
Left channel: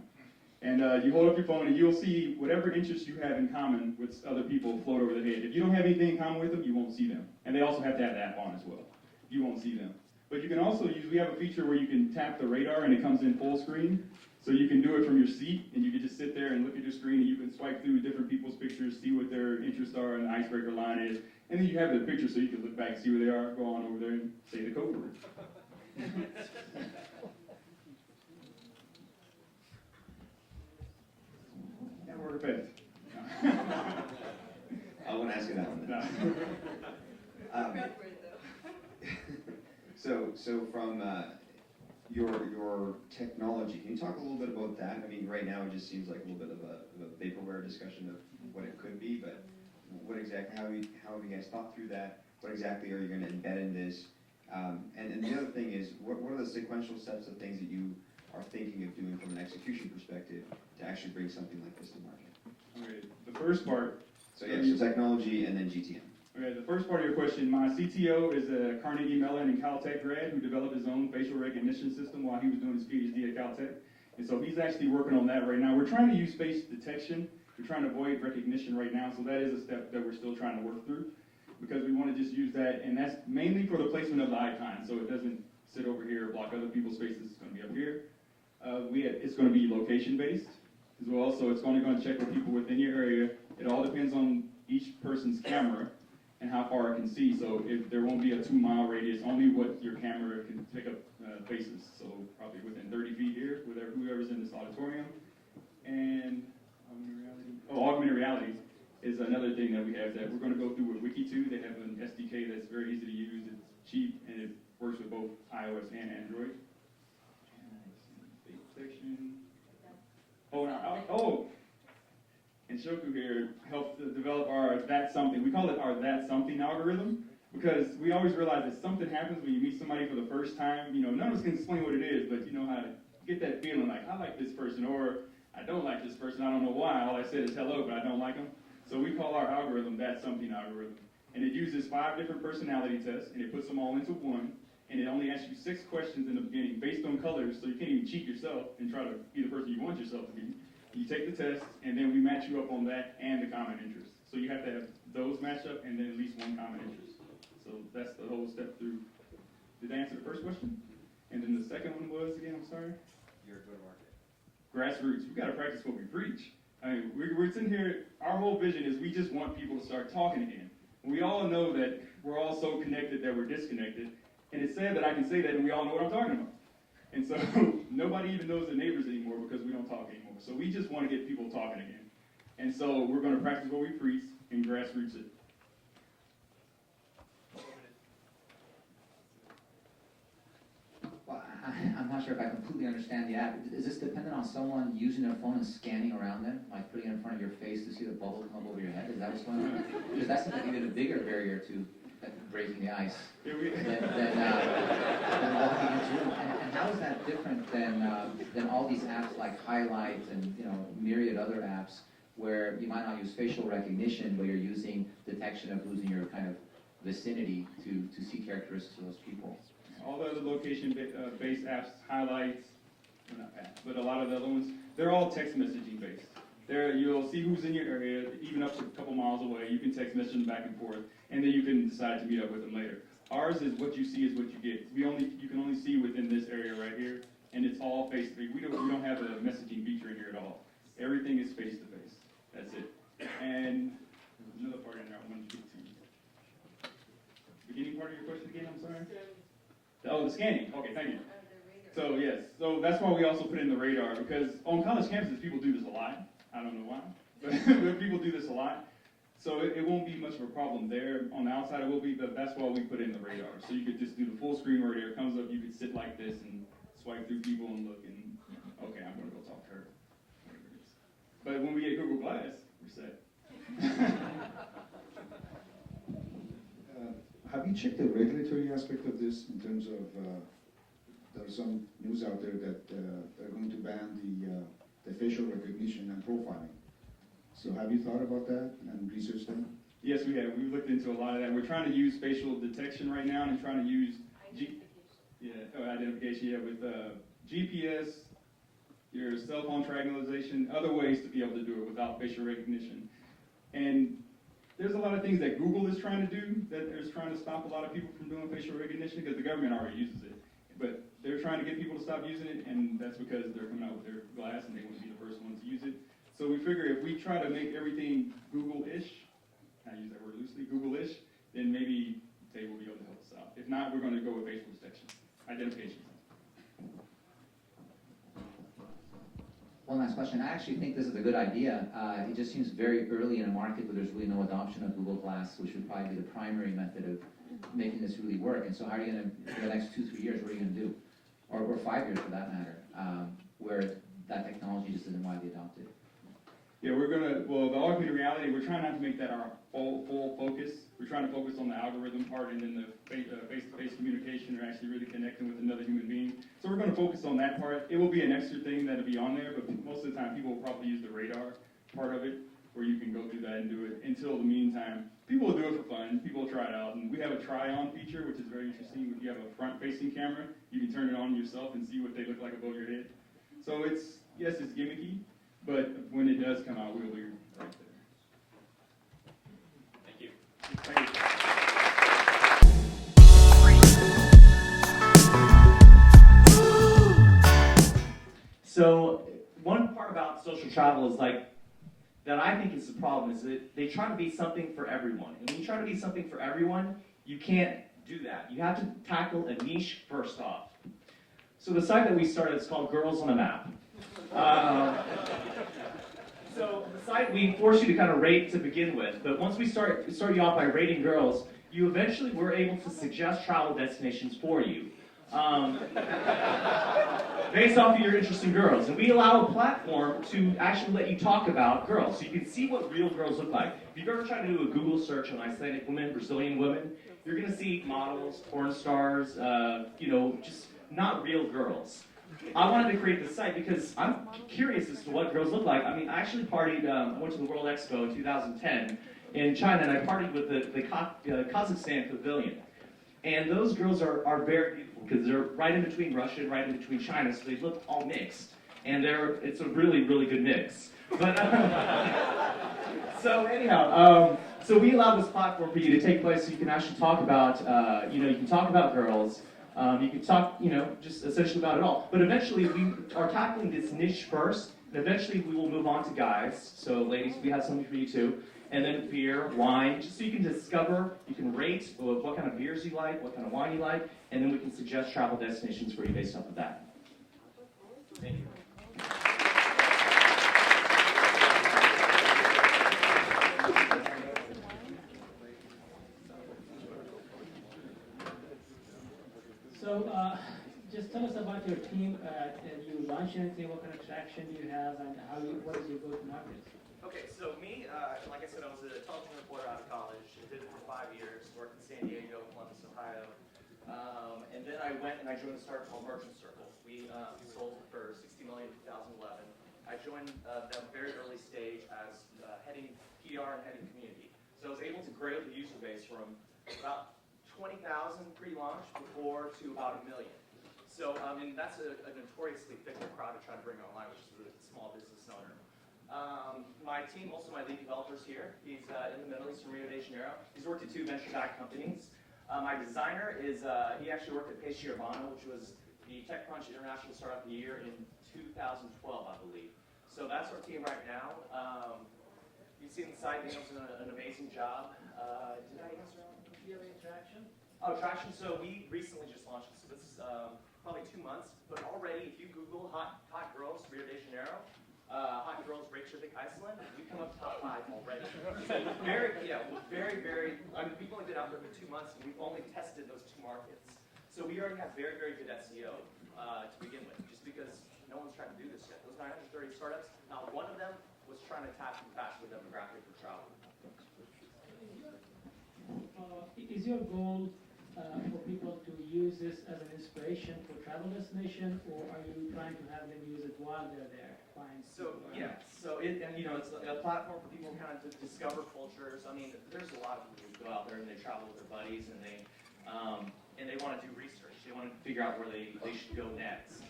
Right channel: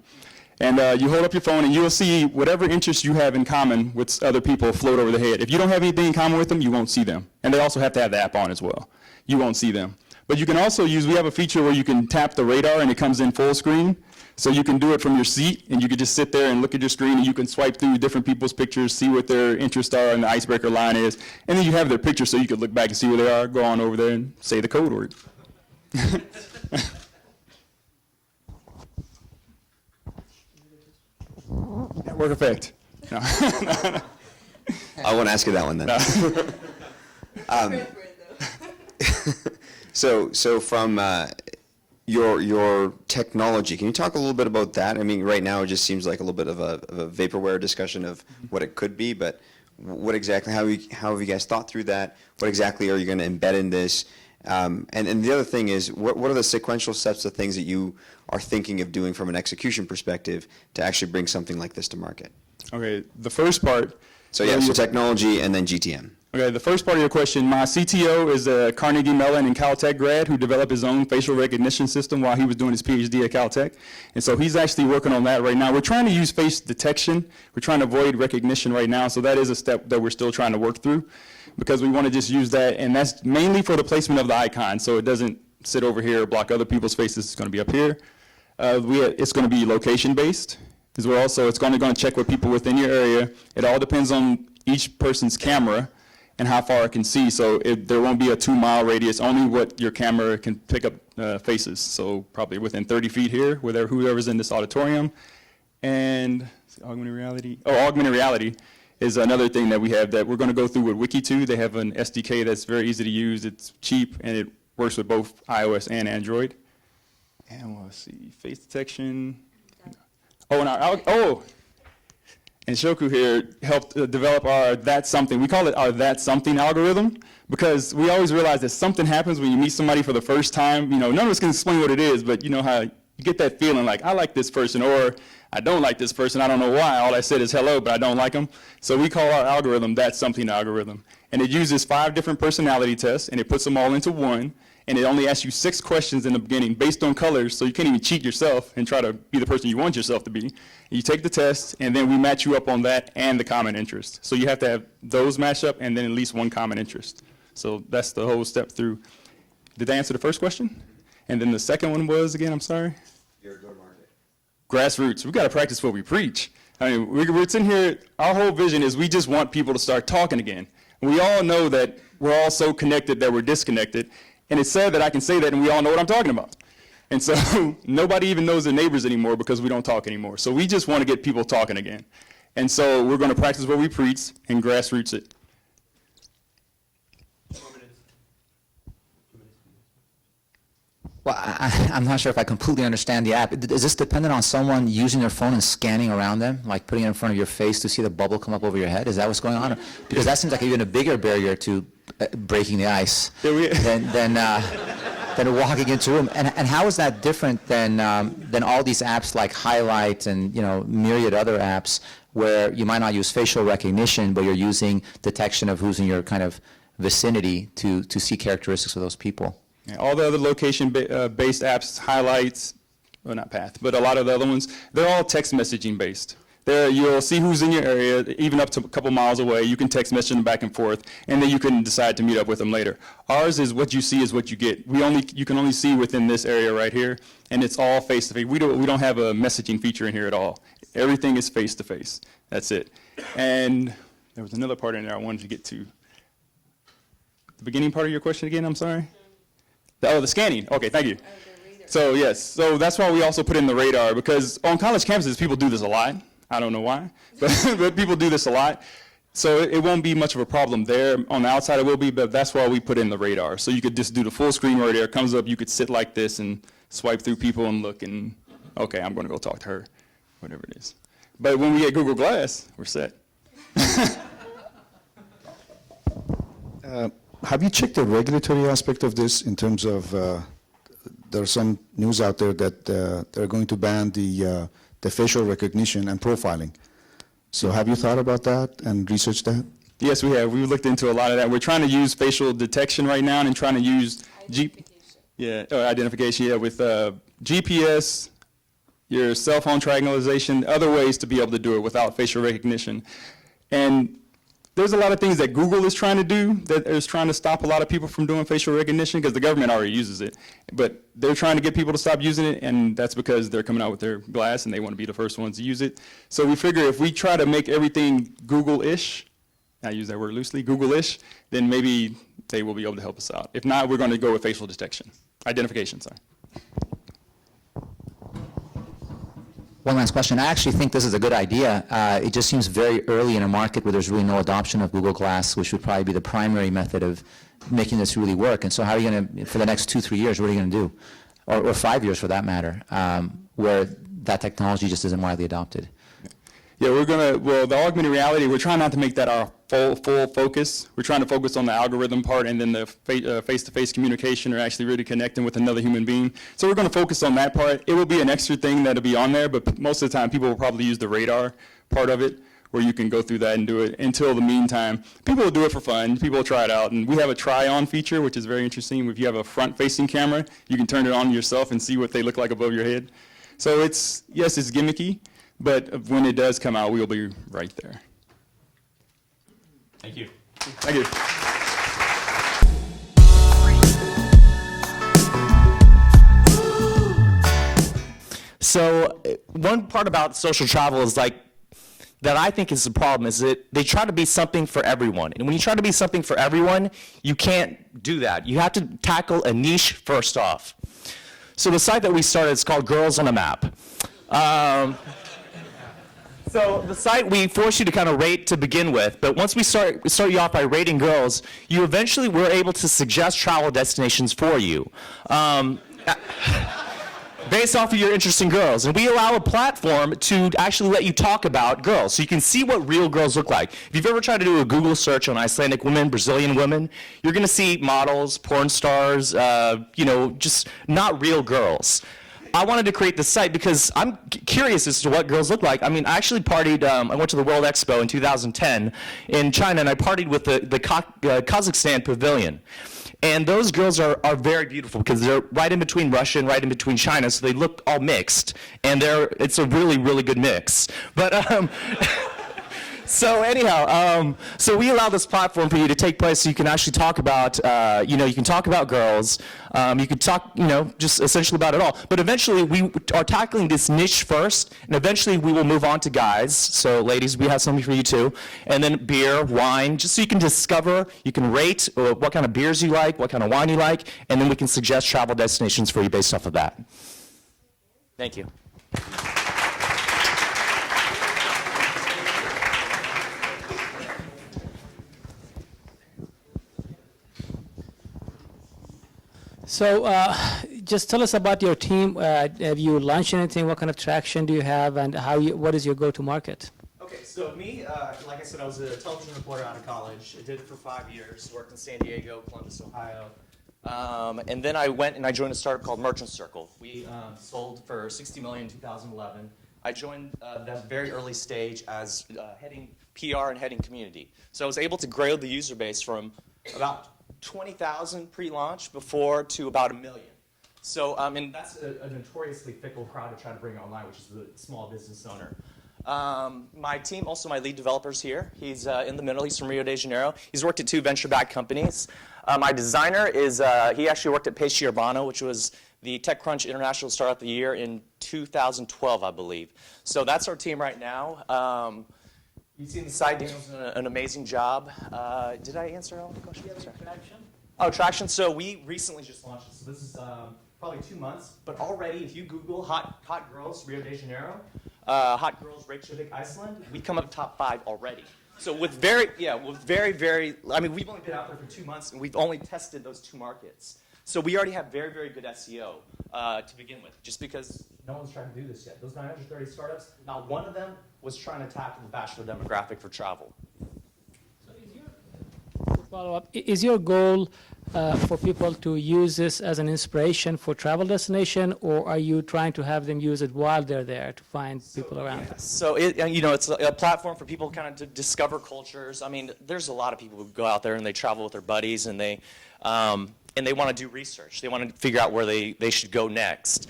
And you hold up your phone, and you'll see whatever interests you have in common with other people float over the head. If you don't have anything in common with them, you won't see them. And they also have to have the app on as well. You won't see them. But you can also use, we have a feature where you can tap the radar, and it comes in full screen. So you can do it from your seat, and you can just sit there and look at your screen, and you can swipe through different people's pictures, see what their interests are, and the icebreaker line is. And then you have their picture, so you can look back and see where they are, go on over there and say the code word. Network effect. No. I won't ask you that one then. No. So from your technology. Can you talk a little bit about that? I mean, right now it just seems like a little bit of a vaporware discussion of what it could be, but what exactly, how have you guys thought through that? What exactly are you going to embed in this? And the other thing is, what are the sequential steps of things that you are thinking of doing from an execution perspective to actually bring something like this to market? Okay, the first part. So yeah, so technology and then GTM. Okay, the first part of your question, my CTO is a Carnegie Mellon and Caltech grad who developed his own facial recognition system while he was doing his PhD at Caltech. And so he's actually working on that right now. We're trying to use face detection. We're trying to avoid recognition right now, so that is a step that we're still trying to work through because we want to just use that, and that's mainly for the placement of the icon, so it doesn't sit over here or block other people's faces. It's going to be up here. It's going to be location-based as well, so it's going to check with people within your area. It all depends on each person's camera and how far it can see. So there won't be a 2-mile radius, only what your camera can pick up faces. So probably within 30 feet here, with whoever's in this auditorium. And augmented reality. Oh, augmented reality is another thing that we have that we're going to go through with Wiki2. They have an SDK that's very easy to use. It's cheap, and it works with both iOS and Android. And let's see, face detection. And Shoku here helped develop our That's Something. We call it our That's Something algorithm because we always realize that something happens when you meet somebody for the first time. You know, none of us can explain what it is, but you know how you get that feeling like, I like this person, or I don't like this person. I don't know why. All I said is hello, but I don't like them. So we call our algorithm That's Something algorithm. And it uses 5 different personality tests, and it puts them all into one. And it only asks you 6 questions in the beginning based on colors, so you can't even cheat yourself and try to be the person you want yourself to be. You take the test, and then we match you up on that and the common interest. So you have to have those match up and then at least one common interest. So that's the whole step through. Did I answer the first question? And then the second one was, again, I'm sorry? Your go-to-market. Grassroots. We got to practice what we preach. I mean, we're sitting here, our whole vision is we just want people to start talking again. We all know that we're all so connected that we're disconnected. And it's sad that I can say that and we all know what I'm talking about. And so nobody even knows their neighbors anymore because we don't talk anymore. So we just want to get people talking again. And so we're going to practice what we preach and grassroots it. Well, I'm not sure if I completely understand the app. Is this dependent on someone using their phone and scanning around them, like putting it in front of your face to see the bubble come up over your head? Is that what's going on? Because that seems like even a bigger barrier to breaking the ice than walking into a room. And how is that different than all these apps like Highlight and myriad other apps where you might not use facial recognition, but you're using detection of who's in your kind of vicinity to see characteristics of those people? Yeah, all the other location-based apps, Highlights, well, not Path, but a lot of the other ones, they're all text messaging based. You'll see who's in your area, even up to a couple miles away. You can text message them back and forth, and then you can decide to meet up with them later. Ours is what you see is what you get. You can only see within this area right here, and it's all face-to-face. We don't have a messaging feature in here at all. Everything is face-to-face. That's it. And there was another part in there I wanted to get to. The beginning part of your question again, I'm sorry? The scanning. Okay, thank you. So yes, so that's why we also put in the radar, because on college campuses, people do this a lot. I don't know why, but people do this a lot. So it won't be much of a problem there. On the outside it will be, but that's why we put in the radar. So you could just do the full screen radar. It comes up, you could sit like this and swipe through people and look and, okay, I'm going to go talk to her, whatever it is. But when we get Google Glass, we're set. Have you checked the regulatory aspect of this in terms of, there's some news out there that they're going to ban the facial recognition and profiling. So have you thought about that and researched that? Yes, we have. We looked into a lot of that. We're trying to use facial detection right now and trying to use identification, with GPS, your cell phone triangulation, other ways to be able to do it without facial recognition. And there's a lot of things that Google is trying to do that is trying to stop a lot of people from doing facial recognition because the government already uses it. But they're trying to get people to stop using it, and that's because they're coming out with their glass and they want to be the first ones to use it. So we figure if we try to make everything Google-ish, I use that word loosely, Google-ish, then maybe they will be able to help us out. If not, we're going to go with facial detection, identification, sorry. One last question. I actually think this is a good idea. It just seems very early in a market where there's really no adoption of Google Glass, which would probably be the primary method of making this really work. And so how are you going to, for the next 2-3 years, what are you going to do? or 5 years for that matter, where that technology just isn't widely adopted? Yeah, well, the augmented reality, we're trying not to make that our full focus. We're trying to focus on the algorithm part and then the face-to-face communication or actually really connecting with another human being. So we're going to focus on that part. It will be an extra thing that'll be on there, but most of the time people will probably use the radar part of it, where you can go through that and do it. Until the meantime, people will do it for fun. People will try it out. And we have a try-on feature, which is very interesting. If you have a front-facing camera, you can turn it on yourself and see what they look like above your head. So it's gimmicky, but when it does come out, we'll be right there. Thank you. Thank you. So one part about social travel is like, that I think is the problem, is that they try to be something for everyone. And when you try to be something for everyone, you can't do that. You have to tackle a niche first off. So the site that we started is called Girls on a Map. So the site, we force you to kind of rate to begin with, but once we start you off by rating girls, you eventually were able to suggest travel destinations for you. Based off of your interest in girls. And we allow a platform to actually let you talk about girls, so you can see what real girls look like. If you've ever tried to do a Google search on Icelandic women, Brazilian women, you're gonna see models, porn stars, just not real girls. I wanted to create this site because I'm curious as to what girls look like. I mean, I actually partied, I went to the World Expo in 2010 in China, and I partied with the Kazakhstan pavilion. And those girls are very beautiful because they're right in between Russia and right in between China, so they look all mixed. And it's a really, really good mix. But so anyhow, so we allow this platform for you to take place so you can actually talk about, you can talk about girls. You could talk, just essentially about it all. But eventually, we are tackling this niche first, and eventually we will move on to guys. So ladies, we have something for you too. And then beer, wine, just so you can discover, you can rate what kind of beers you like, what kind of wine you like, and then we can suggest travel destinations for you based off of that. Thank you. So just tell us about your team. Have you launched anything? What kind of traction do you have, and what is your go-to-market? Okay, so me, like I said, I was a television reporter out of college. I did it for 5 years, worked in San Diego, Columbus, Ohio. And then I went and I joined a startup called Merchant Circle. We sold for $60 million in 2011. I joined that very early stage as heading PR and heading community. So I was able to grow the user base from about 20,000 pre-launch before to about 1 million. So, and that's a notoriously fickle crowd to try to bring online, which is the small business owner. My team, also my lead developer's here. He's in the middle. He's from Rio de Janeiro. He's worked at 2 venture-backed companies. My designer is, he actually worked at Peixe Urbano, which was the TechCrunch International Startup of the Year in 2012, I believe. So that's our team right now. You've seen the site. Daniel's done an amazing job. Did I answer all the questions? Traction? Oh, traction. So we recently just launched it. So this is probably 2 months. But already, if you Google hot girls Rio de Janeiro, hot girls Reykjavik, Iceland, we come up top 5 already. So with very, I mean, we've only been out there for 2 months, and we've only tested those 2 markets. So we already have very, very good SEO to begin with, just because no one's trying to do this yet. Those 930 startups, not one of them was trying to tackle the bachelor demographic for travel. Follow-up. Is your goal for people to use this as an inspiration for travel destination, or are you trying to have them use it while they're there to find people around? Yeah. So it's a platform for people kind of to discover cultures. I mean, there's a lot of people who go out there and they travel with their buddies and they want to do research. They want to figure out where they should go next.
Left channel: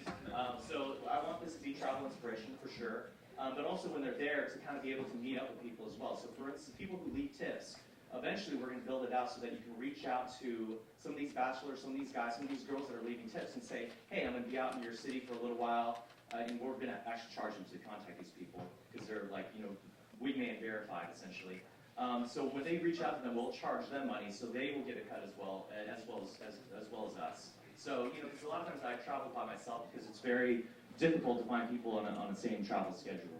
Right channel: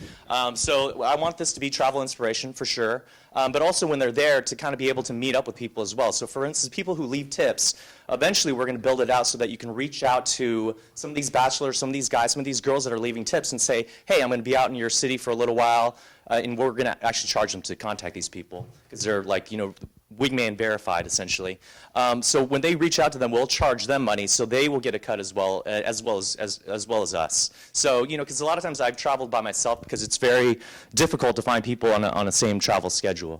So I want this to be travel inspiration for sure, but also when they're there to kind of be able to meet up with people as well. So for instance, people who leave tips, eventually we're going to build it out so that you can reach out to some of these bachelors, some of these guys, some of these girls that are leaving tips and say, hey, I'm going to be out in your city for a little while, and we're going to actually charge them to contact these people because they're like, wingman verified essentially. So when they reach out to them, we'll charge them money, so they will get a cut as well as us. So because a lot of times I've traveled by myself because it's very difficult to find people on a same travel schedule.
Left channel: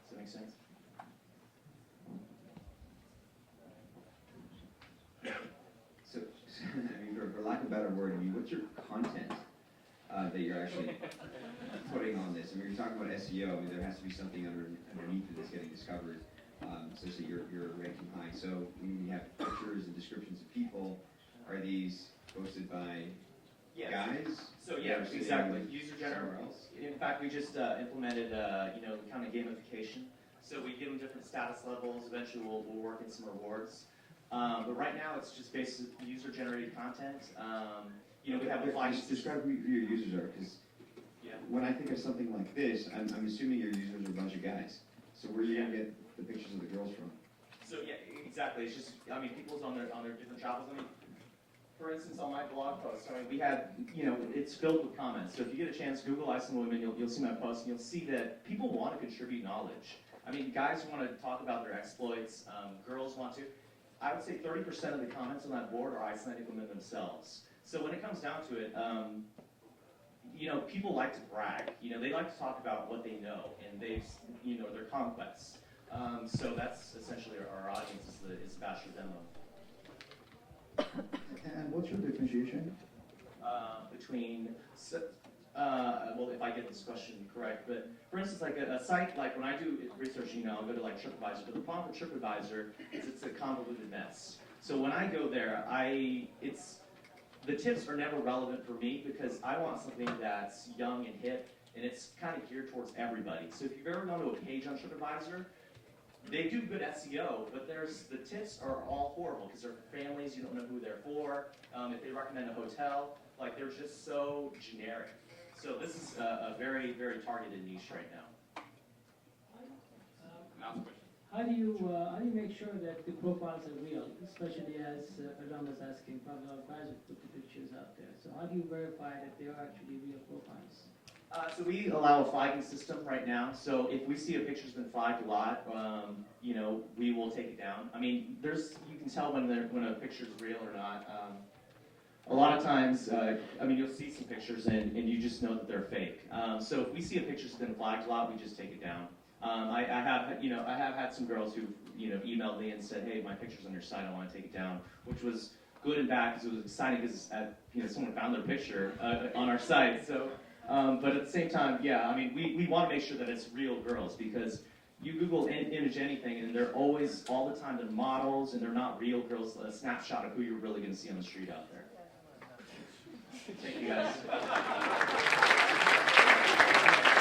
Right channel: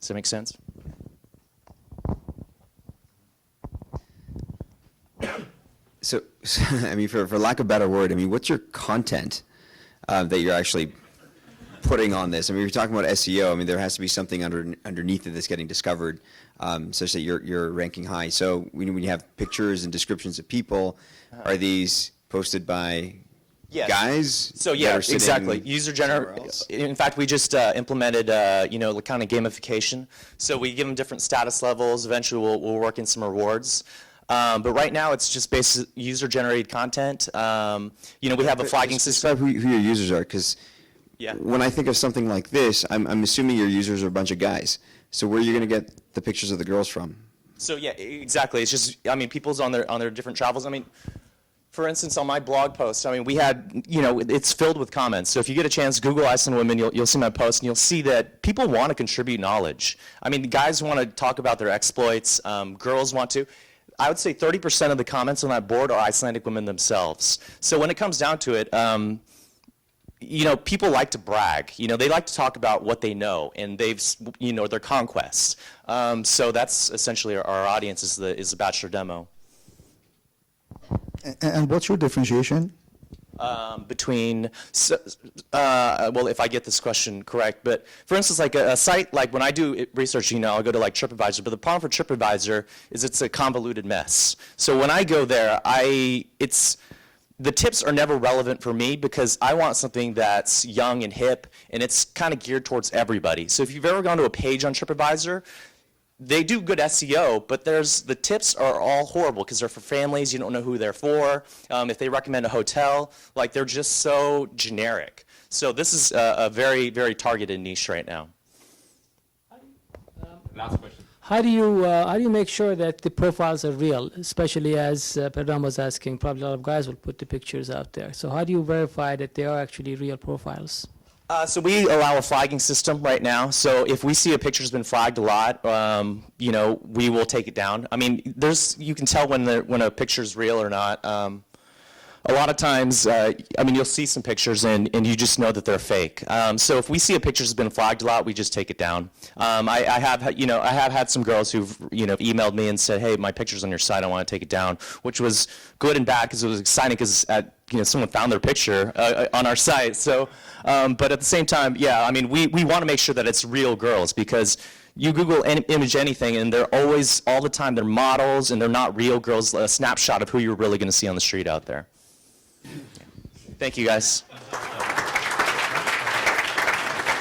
Does that make sense? So I mean, for lack of a better word, I mean, what's your content that you're actually putting on this. I mean, you're talking about SEO. I mean, there has to be something underneath it that's getting discovered, such that you're ranking high. So when you have pictures and descriptions of people, are these posted by Yes. guys? So that yeah, are sitting exactly. User somewhere generated. else? In fact, we just implemented, kind of gamification. So we give them different status levels. Eventually, we'll work in some rewards. But right now, it's just basic user-generated content. We have a flagging system. Describe who your users are, because Yeah. when I think of something like this, I'm assuming your users are a bunch of guys. So where are you going to get the pictures of the girls from? So yeah, exactly. It's just, people's on their different travels. For instance, on my blog post, we had, it's filled with comments. So if you get a chance, Google Iceland Women, you'll see my post, and you'll see that people want to contribute knowledge. Guys want to talk about their exploits. Girls want to. I would say 30% of the comments on that board are Icelandic women themselves. So when it comes down to it, people like to brag. They like to talk about what they know and their conquests. So that's essentially our audience is the bachelor demo. And what's your differentiation? Between, if I get this question correct, but for instance, like a site, like when I do research, I'll go to like TripAdvisor, but the problem for TripAdvisor is it's a convoluted mess. So when I go there, the tips are never relevant for me because I want something that's young and hip, and it's kind of geared towards everybody. So if you've ever gone to a page on TripAdvisor, they do good SEO, but the tips are all horrible because they're for families. You don't know who they're for. If they recommend a hotel, they're just so generic. So this is a very, very targeted niche right now. Last question. How do you make sure that the profiles are real, especially as Pedram was asking, probably a lot of guys will put the pictures out there. So how do you verify that they are actually real profiles? So we allow a flagging system right now. So if we see a picture's been flagged a lot, we will take it down. You can tell when a picture's real or not. A lot of times, you'll see some pictures and you just know that they're fake. So if we see a picture's been flagged a lot, we just take it down. I have had some girls who've emailed me and said, hey, my picture's on your site, I want to take it down, which was good and bad because it was exciting because someone found their picture on our site. So, but at the same time, yeah, we want to make sure that it's real girls because you Google image anything and they're always, all the time, they're models and they're not real girls, a snapshot of who you're really going to see on the street out there. Thank you, guys.